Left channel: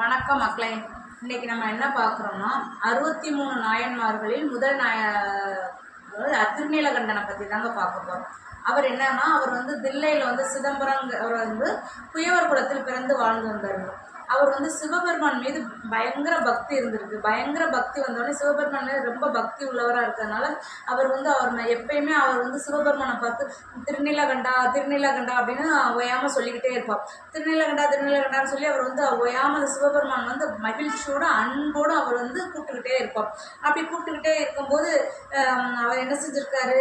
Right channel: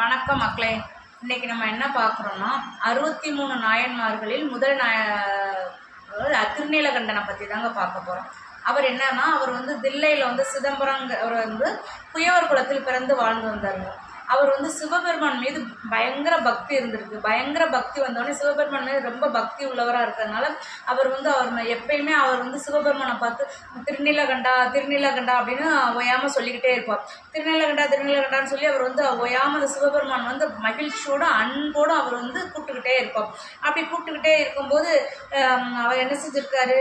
வணக்கம் மக்களே. இன்னைக்கு நம்ம என்ன பார்க்குறோம்னா 63 நாயன்மார்களில் முதல் திருநீலகண்டனை பற்றி தாங்க பார்க்க போகிறோம். அவர் என்னன்னா, அவர் வந்து தில்லையில் வந்து சிதம்பரம் அவர் வந்து குயவர் குலத்தில் பிறந்து வாழ்ந்து வந்தாருங்க. அவர் வந்து சிவபெருமான் மீது பயங்கர பக்தி இருந்திருக்கு. பயங்கர பக்தி வந்தோடனே சிவபெருமான் மீது ரொம்ப பக்தி உள்ளவராக இருக்கிறதுனால அவர் வந்து எப்பயுமே அவர் வந்து சிவபெருமானை பார்த்து திருநீலகண்டா திருநீலகண்டா அப்படின்னு ஓயாமல் சொல்லிக்கிட்டே இருப்பார். திருநீலகண்டா திருநீலகண்டான்னு சொல்லி அவர் வந்து ஓயாமல் அந்த சிவபெருமான் வந்து மகிழ்ச்சியோட அன்போடு அவர் வந்து கூப்பிட்டுக்கிட்டே இருப்பார். அப்படி கூப்பிட்டுக்கிட்டே இருக்கும்போது அவர் என்ன செஞ்சிருக்காரு,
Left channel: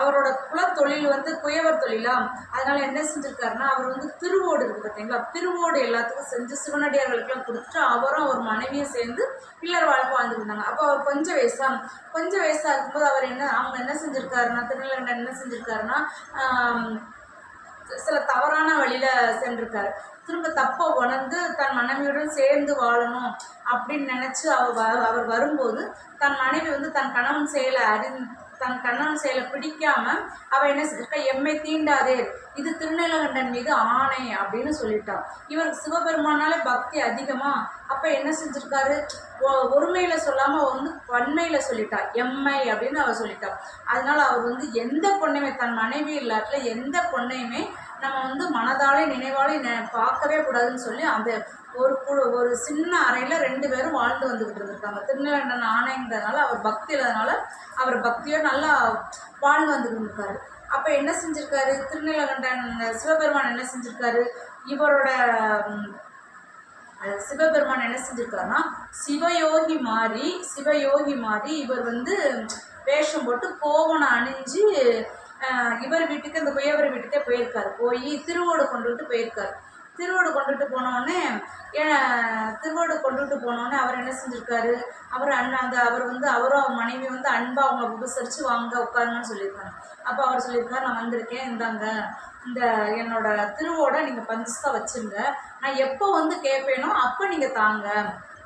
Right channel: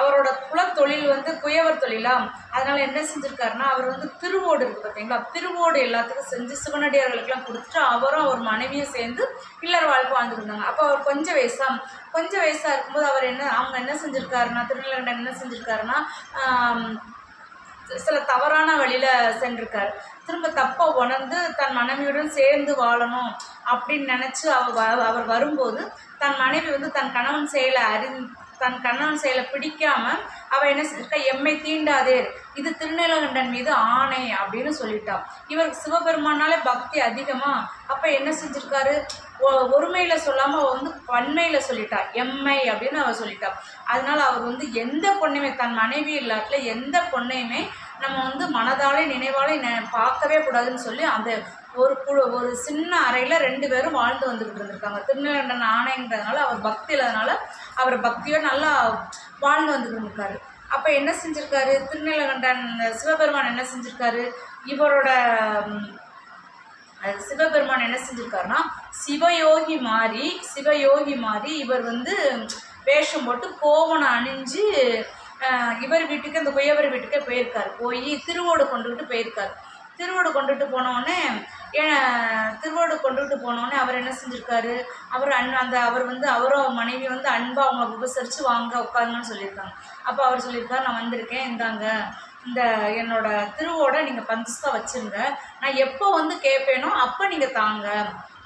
அவரோட குலத்தொழில் வந்து குயவர் தொழிலாம். அதனால என்ன செஞ்சிருக்காருன்னா, அவர் வந்து திருவோடு இருக்கு பார்த்தீங்களா, திருவோடு எல்லாத்துக்கும் செஞ்சு சிவனடியார்களுக்கெல்லாம் கொடுத்துட்டு அவரும் அவர் மனைவியும் சேர்ந்து இல்லற வாழ்க்கை வாழ்ந்துட்டு இருந்தாங்க. அப்போ அவர் கொஞ்சம் வயசா இருக்கும்போது அவங்க என்ன செஞ்சிருக்காருன்னா, திருநீலகண்டன் என்ன செஞ்சிருக்காருன்னா, சில தவறான வழியில சென்றிருக்காரு. திரும்ப தப்பை உணர்ந்து தன் மனைவியுடன் சேர்ந்து வாழணும் அப்படின்னு நினைச்சு அவர் வரும்போது தன் மனைவி வந்து தன் கணவன் செயலை பிடிக்காம அவ என்ன செஞ்சிருக்கா, எம்மை தீண்டாதே, இது திருநீலகண்டன் மீது ஆணை அப்படின்னு சொல்லிட்டான். இவர் சிவபெருமானாலே பக்தி அதிகமா. அப்ப என்ன செஞ்சிருக்காரு, ஒருமையில சொல்லாம வந்து பன்மையில சொல்லிட்டா, எம்மை அப்படின்னு அவர் சொல்லிட்டா. அதனால அவர் வந்து எந்த பொண்ணையுமே, தன் மனைவி இல்லாட்டில் எந்த பொண்ணையுமே நம்ம வந்து மனதாலே நினைவாலே பார்க்கவே கூடாதுன்னு சொல்லி அந்த ஒரு சின்ன அறையில 2 பேரும் வாழ்ந்து வந்துகிட்டு இருந்திருக்காங்க. திருநீலகண்டன் ஆணைங்கிறதுனால அவர் பக்தி இல்லாதனால அவர் பக்தியோட நல்லா வாழ்ந்து வந்துகிட்டு இருந்திருக்காரு. அப்ப என்ன செஞ்சிருக்காரு திருநீலகண்டன், சிவபெருமான் என்ன செஞ்சிருக்காரு, சிவபெருமான் என்ன செஞ்சிருக்காருன்னா சிவயோகி மாறி இவர் வந்து வேஷம் போட்டு கோவணம் அணிஞ்சு இவர் வீட்டுக்கு, அந்த குயவர் வீட்டுக்கே போயிருக்காரு. போய் திருவோடு கொண்டுகிட்டு போயிருக்காரு. திருவோடு கொண்டுட்டு போனோடனே அவர் என்ன செஞ்சிருக்காரு, அவரும் மனைவி வந்து அன்பா அவங்க உபசரித்து வாங்க உட்காருங்கன்னு சொல்லியிருக்காங்க. அப்போ அவர் சொல்லியிருக்காரு, நான் வந்திருக்கேன், இந்தாங்க இந்த என்னோட திருவோட நீங்கள் பந்தஸ்தா வச்சுருங்க, நான் எப்போ வந்து கேட்பேனோ அப்போ நீங்கள் தாங்க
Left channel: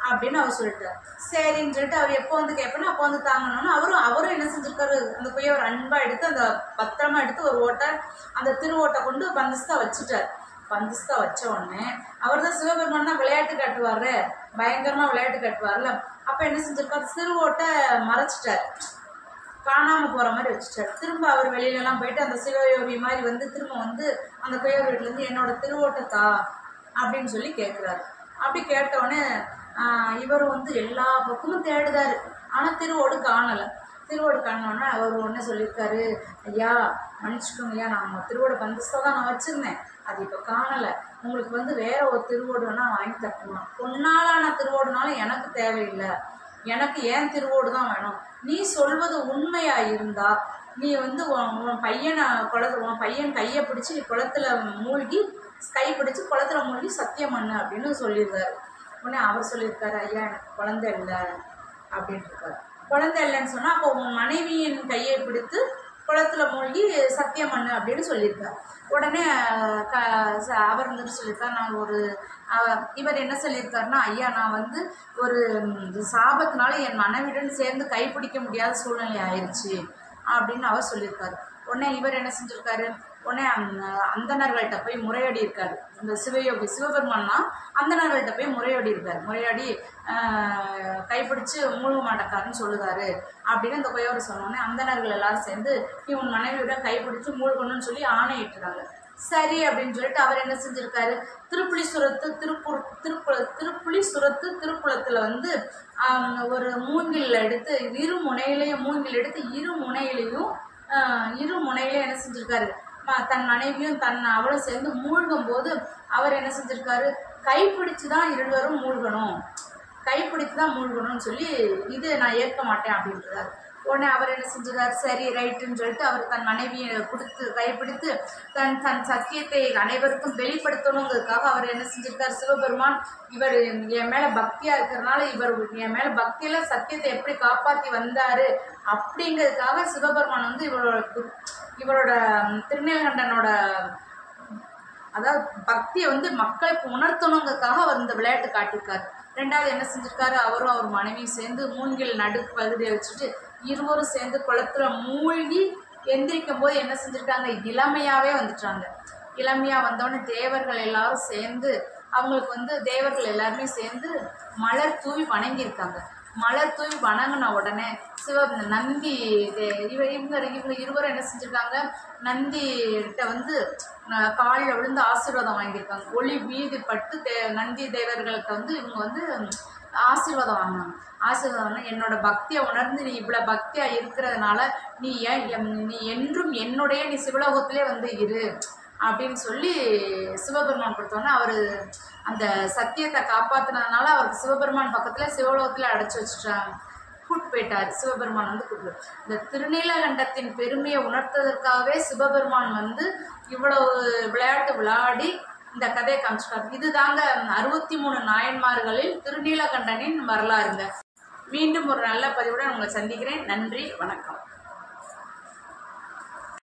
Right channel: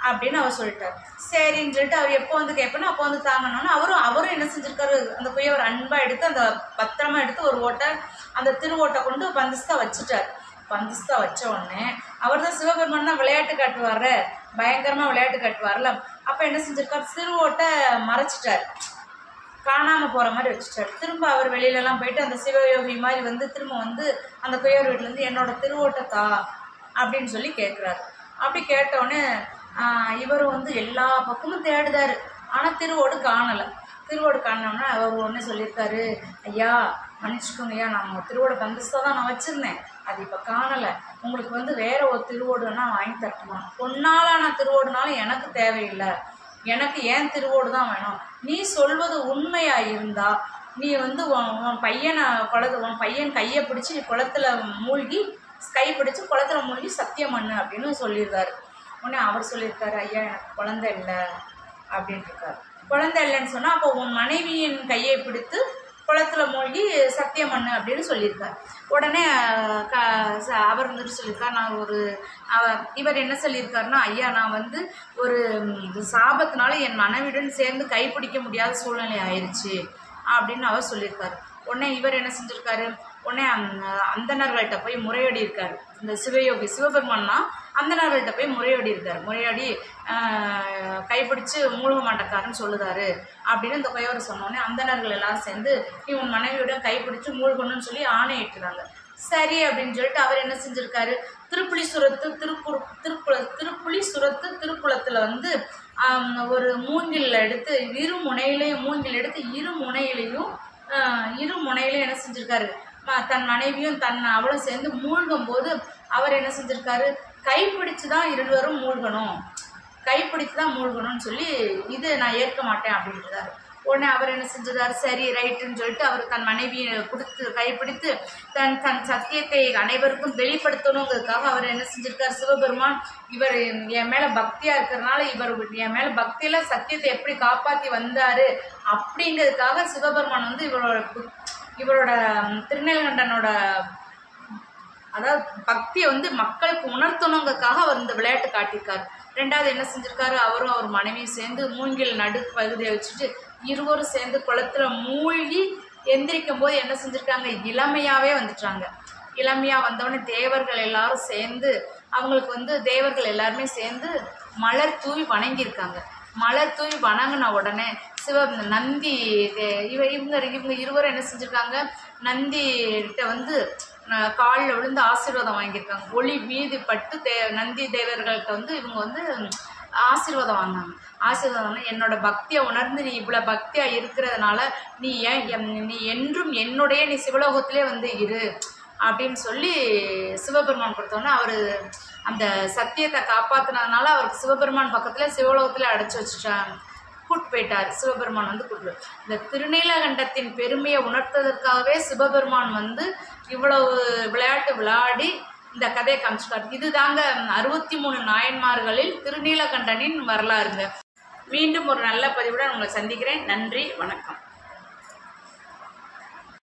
அப்படின்னு அவர் சொல்லிட்டார். சரின்னு சொல்லிட்டு அவர் எப்போ வந்து கேட்பேனோ அப்போ வந்து தாங்கணும்னு அவரும் என்ன செஞ்சிருக்காரு, அந்த குயவர் அன்பா எடுத்து அந்த பத்திரமா எடுத்து ஒரு ஓட்டை அந்த திருவோட்டை கொண்டு பந்தஸ்தா வச்சுட்டார். பந்தஸ்தா வச்ச உடனே அவர் தான் சிவபெருமான் தான் விளையாட்டு காட்டுவார், பயங்கரமா விளையாட்டு காட்டுவார்ல. அப்ப என்ன செஞ்சிருக்காரு, திருவோட்டை மறைச்சிட்டார், காணாம போற மாதிரி வச்சுட்டார். திரும்ப அவர் வெளியிலலாம் போயிட்டு அந்த சிவயோகி மாதிரி வந்து திரும்ப வந்து அந்த குயவர் வீட்டுல இருந்து என்னோட திருவோட்டை தா அப்படின்னு சொல்லி கேட்குறாரு. அப்படி கேட்டவுடனே இவரும் வந்து எல்லா பக்கமும் தேடுதாரு, ஆனா திருவோடு காணலை. திருவோடு காணோன்னா அவர் ஒன்று சொல்லியிருக்காரு, ஐயா மன்னிச்சுக்கோங்க ஐயா, நான் திருவோட பந்தஸ்தா தான் நான் வச்சுருந்தேன், அது இப்போ காணலை, உங்களுக்கு வந்து வேற ஒரு திருவோடுனா வாங்கி தட்டுமா, பொன்னாலான திருவோடுனாலும் எனக்கு தேவையில்லை, எனக்கு ஏன் திருவோடு தான் வேணும், நீ சொல்வது உண்மையா இருந்தா நீ வந்து உன் பையன் கையை பிடிச்சி நீ குளத்துல மூழ்கி சத்தியம் பண்ணு அப்படின்னு சொல்லியிருக்காரு. உடனே அவர் சொல்லியிருக்காரு, ஐயா எனக்கு குழந்தை இல்லை அப்படின்ட்டு இருக்காரு. குழந்தை இல்லைன்னு சொன்னால் அப்போ உன் மனைவியின் கையை பிடித்து குளத்துல மூழ்கி சத்தியம் பண்ணு அப்படின்னு சொல்லியிருக்காரு. உடனே அவர் வந்துட்டு சொல்லியிருக்கார், இவர் என்ன சொல்லியிருக்காருன்னா, ஐயா நான் வந்து ஒரு சாபத்தினால என் மனைவியுடன் சேர்ந்து கைப்பிடிக்க முடியாத சூழ்நிலை ஆயிடுச்சு அப்படின்னு அவர் சொல்லியிருக்காரு. உடனே இவர் என்ன செஞ்சிருக்காரு, உடனே அந்தணர்கள்ட்ட போய் முறையாடி இருக்காரு. இந்த சிவபெருமான்னா அந்தணர்கள்ட்ட போய் முறையாடி கைப்பிடிச்சு மூழ்க மாட்டக்காருன்னு சொல்லுதாரு அப்படின்னு இந்த குயவர் சொன்னோடனே அந்தணர்கள் எல்லாரும் சேர்ந்து நீ உன் மனைவியுடன் கைப்பிடிச்சு மூழ்கணும்னு சொல்லி ஆணையிட்டுறாங்க. சரி அப்படின்னு சொல்லிட்டு அவர் என்ன செஞ்சிருக்காரு, திருக்குளத்துல வந்து ஒரு மூங்கில் எடுத்து இரு முனையிலையும் என்ன செஞ்சிருக்காரு, தன் மனைவியும் அவளும் சேர்ந்து மூழ்கும் போது அவர் என்ன செஞ்சிருக்காரு, கைப்பிடிச்சு தான் இருவரும் மூழ்கணும்னு சொல்லி இது நான் ஏற்க மாட்டேன் அப்படின்றாரு. உடனே அவர் என்ன செஞ்சிருக்காரு, சரி ரைட்டுன்னு சொல்லிட்டு அவர் தன் மனைவியை கைப்பிடித்து தன் சத்தியத்தை அனைவருக்கும் வெளிப்படுத்தணுங்கிறதுக்காக அவர் என்ன செஞ்சிருக்காரு, சிவபெருமான் இவர் என் மேல பக்தியா இருக்கிறதுனால இவர் என் மேல பக்தியில சத்தியத்தை எப்படி காப்பாத்தி வந்தாரு அப்படிங்கிறதுக்காக சிவபெருமான் வந்து இவரோட திருநீலகண்டனோட அதாவது பக்தியை வந்து மக்களுக்கு உணர்த்தணுங்கிறதுக்காக அவர் இந்த விளையாட்டு காட்டியிருக்காரு. 2வது என்ன செஞ்சிருக்காரு, அவரும் அவர் மனைவியும் சேர்ந்து மூங்கில் நடுப்பகுதியை வச்சுட்டு இருவரும் சேர்ந்து குளத்துல மூழ்கி எந்திரிக்கும் போது என்ன செஞ்சிருக்காங்க, இளமையா வந்தோடனே தேவர்கள் எல்லாரும் சேர்ந்து அவங்களுக்கு வந்து தேவர்கள் எல்லாருமே சேர்ந்து மலர் தூவி வணங்கியிருக்காங்க. மலர் தூவி வணங்கின உடனே நந்தி இவங்க இருவரும் என்ன செஞ்சுருக்காங்க, நந்திகிட்ட வந்து காலில் விழுந்து ஆசீர்வாதம் வாங்கியிருக்காங்க. ஒளி மீது பட்டு நந்தி தேவர்கள்ட்ட வந்து இவங்க வந்து ஆசீர்வாதம் வாங்கினாங்க. ஆசீர்வாதம், என்னோட பக்தியை உணர்ந்து நீ இவ்வளோ பக்தியாக இருக்கிறதுனால நீ என்றும் என்னுடைய நீ சிவலோகத்திலே வந்து இரு அப்படின்னு சொல்லி சிவபெருமான் கொடுத்தோன்னே அவர் அந்த சத்தியத்தை காப்பாற்றினதுனால அவருக்கு சிவபெருமான் பக்கத்தில் சிவலோகத்தில் அடைச்சி வச்சுட்டாங்க. கூட்டு போயிட்டார் சிவபெருமான் வந்து கூட்டு. இந்த திருநீலகண்டத்தின் பெருமையை உணர்த்ததற்காகவே சிவபெருமான் வந்து இவ்வளவு விளையாட்டு விளையாடி இந்த கதையை காமிச்சிட்டார். இது தாங்க 63 நாயன்மார்களில் திருநீலகண்டனின் வரலாறுங்க. மீண்டும் ஒரு நல்ல பதிவுடன் உங்களை சந்திக்கிறேன். நன்றி, வணக்கம்.